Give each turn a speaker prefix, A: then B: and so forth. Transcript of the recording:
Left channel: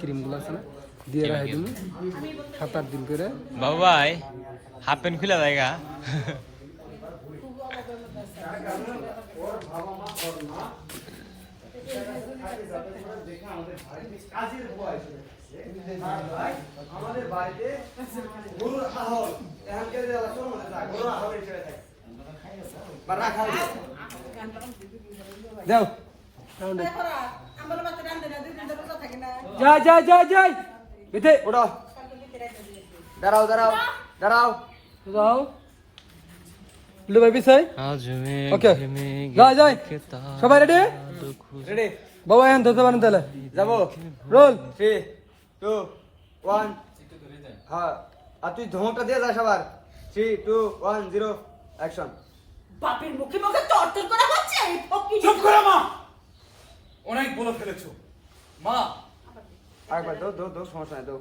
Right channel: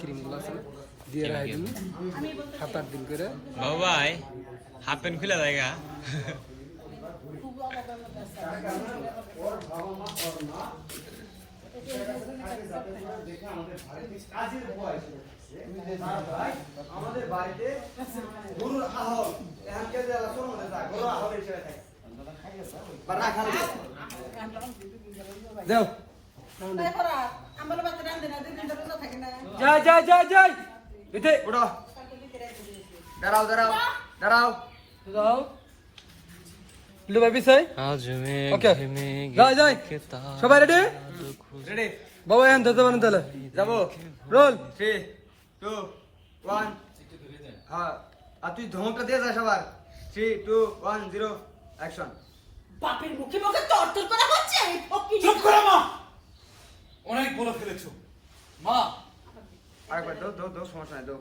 A: ক্রিমগুলো আছে না, দিয়ে রাখি দিন সাত আট দিন করে
B: বাবাই হাফ প্যান্ট খুলে জায়গা
C: আমাদের বাড়িতে গরুর আহল এখন কে যে আলাদা মনে যায় গরুর আহল এসে থাকে বা না খালি
A: যাও
D: থাকে
A: যাই যাই যাই যাই বেতে
C: ওড়ো দাঁড়াও দাঁড়াও দাঁড়াও।
A: যাও লে ভাই বিছাই
B: আজ মে. ঘেমে
A: যাই যাই সবাই রেডি
C: রেডি
A: বাবা এখন ধরতে পারেন তাহলে।
C: যাব।
A: রোল।
C: থ্রি টু ওয়ান হ্যাঁ। আর তুই ধমকটা দিয়ে যাস আবার three two one zero action
D: বাপের মুখে মুখে তরতর করা হচ্ছে
E: চুপ করো মা। অনেক বলে ফেলেছো। মা
C: আরেকবার দো দো দো সমস্যা নাই দো